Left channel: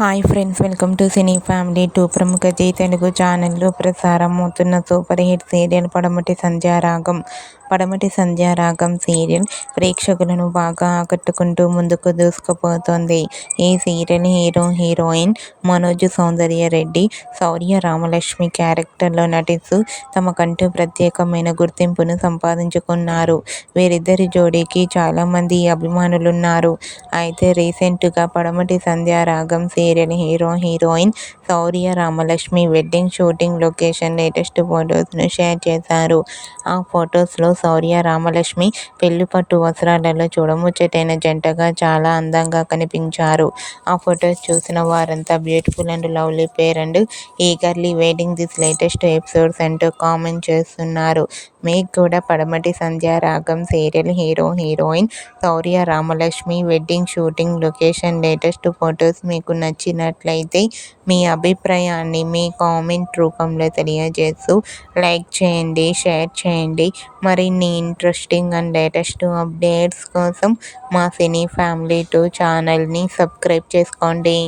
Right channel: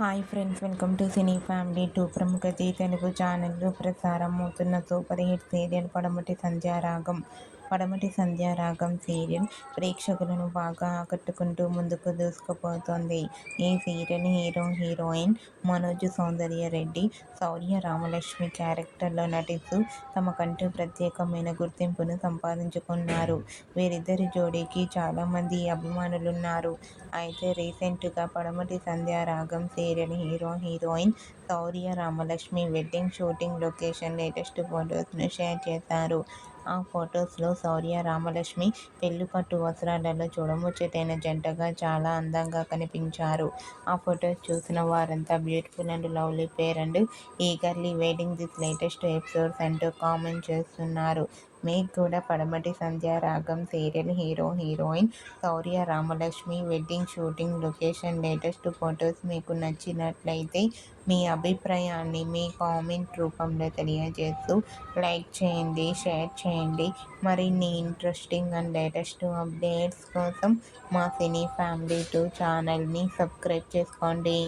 Hi friends, welcome to cine family 2. ప్రముఖ G Telugu ఛానల్లో ప్రసారం అవుతున్న సూపర్ హిట్ సీరియల్ పడమటి సంధ్యారాగం. పడమటి సంధ్యారాగం సీరియల్ ప్రేక్షకులను బాగా ఆకట్టుకుంటూ ముందుకు దూసుకుపోతోంది. ఈ సీరియల్ హీరో హీరోయిన్ మనోజ్ సౌందర్య రెడ్డి, శౌర్య రామలక్ష్మి క్యారెక్టర్లో నటిస్తూ తమకంటూ ప్రత్యేకమైన గుర్తింపును సంపాదించుకున్నారు. వీరిద్దరి జోడీకి చాలామంది అభిమానులున్నారు. అయితే రీసెంట్గా Padamati Sandhyaragam serial hero heroine Shaurya Ramalakshmi wedding shooting location latest ఫొటోస్ను షేర్ చేశారు. ఆ ఫొటోస్లో శౌర్య రామలక్ష్మి పెళ్లి పట్టు వస్త్రాలలో చూడముచ్చటైన జంటగా చాలా అందంగా కనిపించారు. ఆ ఫొటోస్ చూసిన వారంతా beautiful and lovely pair and eagerly waiting this latest episodes అంటూ కామెంట్ చేస్తున్నారు. మీకు కూడా Padamati Sandhyaragam serial hero heroine Shaurya Ramalakshmi wedding shooting location latest photos మీకు నచ్చినట్లయితే మీ అభిప్రాయాన్ని మీ కామెంట్ రూపంలో తెలియజేస్తూ లైక్ చేయండి, షేర్ చేయండి. మరిన్ని ఇంట్రెస్టింగ్ అండ్ లేటెస్ట్ అప్డేట్స్ కోసం మా సినీ ఫ్యామిలీ 2 ఛానల్ని సబ్స్క్రైబ్ చేసుకోండి.